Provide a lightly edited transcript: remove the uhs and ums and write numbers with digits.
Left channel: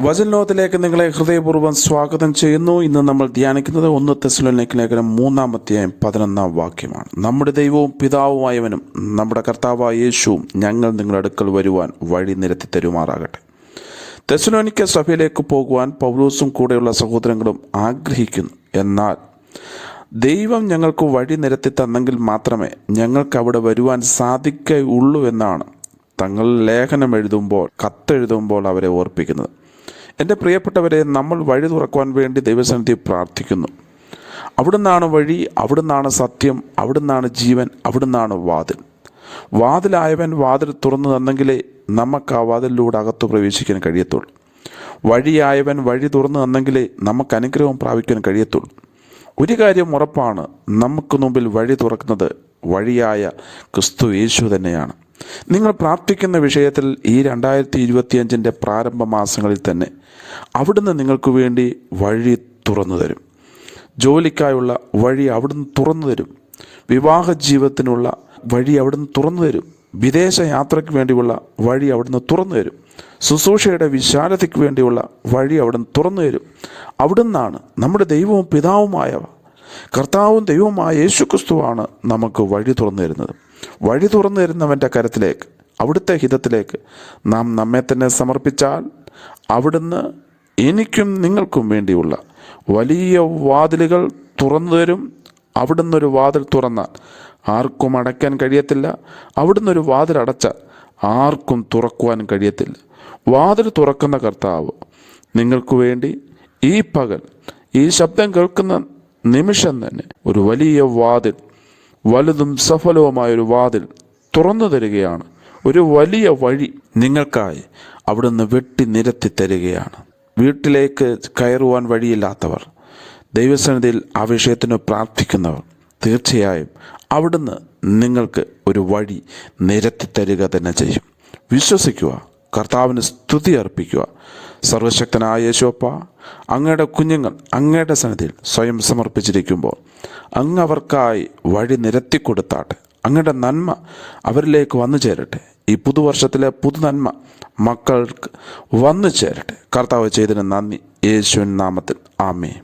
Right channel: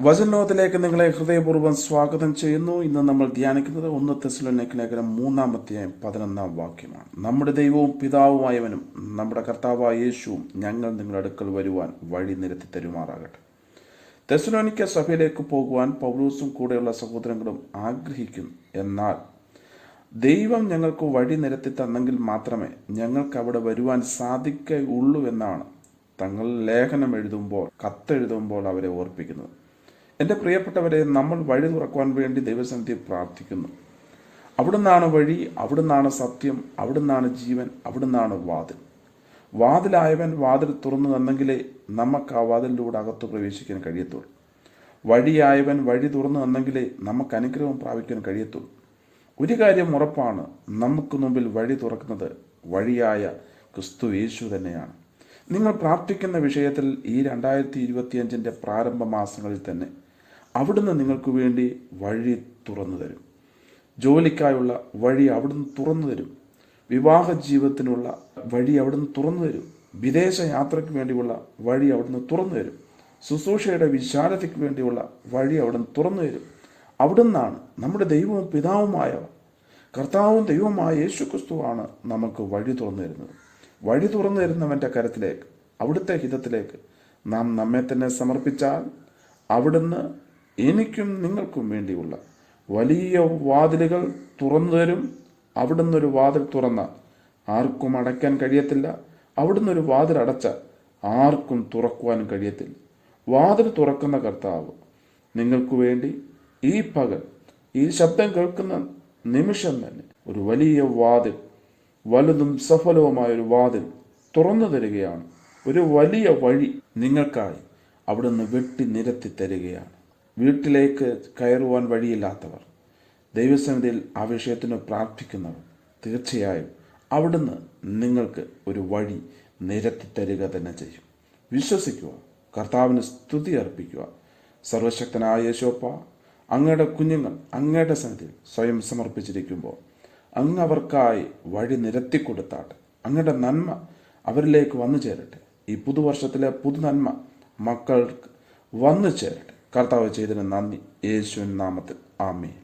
വചനലോകത്തിലേക്ക് നിങ്ങളെ ഹൃദയപൂർവ്വം സ്വാഗതം ചെയ്യുന്നു. ഇന്ന് നമ്മൾ ധ്യാനിക്കുന്നത് 1 തെസ്സലോനിക്ക ലേഖനം 3-11 വാക്യമാണ്. നമ്മുടെ ദൈവവും പിതാവുമായവനും നമ്മുടെ കർത്താവായ യേശുവും ഞങ്ങൾ നിങ്ങളുടെ അടുക്കൽ വരുവാൻ വഴി നിരത്തി തരുമാറാകട്ടെ. തെസ്സലോനിക്ക സഭയിലേക്ക് പോകുവാൻ പൗലോസും കൂടെയുള്ള സഹോദരങ്ങളും ആഗ്രഹിക്കുന്നു. എന്നാൽ ദൈവം ഞങ്ങൾക്ക് വഴി നിരത്തി തന്നെങ്കിൽ മാത്രമേ ഞങ്ങൾക്ക് അവിടെ വരുവാൻ സാധിക്കുകയുള്ളൂ എന്നാണ് തങ്ങൾ ലേഖനം എഴുതുമ്പോൾ, കത്തെഴുതുമ്പോൾ അവരെ ഓർപ്പിക്കുന്നത്. എൻ്റെ പ്രിയപ്പെട്ടവരെ, നമ്മൾ വഴി തുറക്കുവാൻ വേണ്ടി ദൈവസന്നിധി പ്രാർത്ഥിക്കുന്നു. അവിടുന്നാണ് വഴി, അവിടുന്നാണ് സത്യം, അവിടുന്നാണ് ജീവൻ, അവിടുന്നാണ് വാതിൽ. വാതിലായവൻ വാതിൽ തുറന്നു തന്നെങ്കിലേ നമുക്ക് ആ വാതിലിലൂടെ അകത്ത് പ്രവേശിക്കാൻ കഴിയത്തുള്ളൂ. വഴിയായവൻ വഴി തുറന്നു തന്നെങ്കിലേ നമുക്ക് അനുഗ്രഹം പ്രാപിക്കാൻ കഴിയത്തുള്ളൂ. ഒരു കാര്യം ഉറപ്പാണ്, നമുക്ക് മുമ്പിൽ വഴി തുറക്കുന്നത് വഴിയായ ക്രിസ്തു യേശു തന്നെയാണ്. നിങ്ങൾ പ്രാർത്ഥിക്കുന്ന വിഷയത്തിൽ ഈ 2025 പ്രാരംഭ മാസങ്ങളിൽ തന്നെ അവിടുന്ന് നിങ്ങൾക്ക് വേണ്ടി വഴി തുറന്നു തരും. ജോലിക്കായുള്ള വഴി അവിടുന്ന് തുറന്നു തരും. വിവാഹ ജീവിതത്തിനുള്ള വഴി അവിടുന്ന് തുറന്നു തരും. വിദേശ യാത്രയ്ക്ക് വേണ്ടിയുള്ള വഴി അവിടുന്ന് തുറന്നു തരും. ശുശ്രൂഷയുടെ വിശാലതയ്ക്ക് വേണ്ടിയുള്ള വഴി അവിടുന്ന് തുറന്നു തരും. അവിടുന്നാണ് നമ്മുടെ ദൈവവും പിതാവുമായവ. കർത്താവും ദൈവവുമായ യേശുക്രിസ്തുവാണ് നമുക്ക് വഴി തുറന്നു തരുന്നത്. വഴി തുറന്നു തരുന്നവൻ്റെ കരത്തിലേക്ക്, അവിടുത്തെ ഹിതത്തിലേക്ക് നാം നമ്മെ തന്നെ സമർപ്പിച്ചാൽ അവിടുന്ന് എനിക്കും നിങ്ങൾക്കും വേണ്ടിയുള്ള വലിയ വാതിലുകൾ തുറന്നു തരും. അവിടുന്ന് ഒരു വാതിൽ തുറന്നാൽ ആർക്കും അടയ്ക്കാൻ കഴിയത്തില്ല. അവിടുന്ന് ഒരു വാതിൽ അടച്ചാൽ ആർക്കും തുറക്കുവാൻ കഴിയത്തില്ല. വാതിൽ തുറക്കുന്ന കർത്താവ് നിങ്ങൾക്ക് വേണ്ടി ഈ പകൽ, ഈ ശബ്ദം കേൾക്കുന്ന നിമിഷം തന്നെ ഒരു വലിയ വാതിൽ, വലുതും സഫലവുമായൊരു വാതിൽ തുറന്നു തരികയാണ്. ഒരു വലിയ വഴി നിങ്ങൾക്കായി അവിടുന്ന് വെട്ടി നിരത്തി തരികയാണ്. വീട്ടിലേക്ക് കയറുവാൻ വഴിയില്ലാത്തവർ, ദൈവസന്നിധിയിൽ ആ വിഷയത്തിന് പ്രാർത്ഥിക്കുന്നവർ, തീർച്ചയായും അവിടുന്ന് നിങ്ങൾക്ക് ഒരു വഴി നിരത്തി തരിക തന്നെ ചെയ്യും. വിശ്വസിക്കുക, കർത്താവിന് സ്തുതി അർപ്പിക്കുക. സർവശക്തനായ യേശുവപ്പ, അങ്ങയുടെ കുഞ്ഞുങ്ങൾ അങ്ങയുടെ സന്നിധിയിൽ സ്വയം സമർപ്പിച്ചിരിക്കുമ്പോൾ അങ്ങ് അവർക്കായി വഴി നിരത്തി കൊടുത്താട്ടെ. അങ്ങയുടെ നന്മ അവരിലേക്ക് വന്നു ചേരട്ടെ. ഈ പുതുവർഷത്തിലെ പുതുനന്മ മക്കൾക്ക് വന്നു ചേരട്ടെ. കർത്താവ് ചെയ്തതിന് നന്ദി. യേശുവിൻ നാമത്തിൽ ആമേൻ.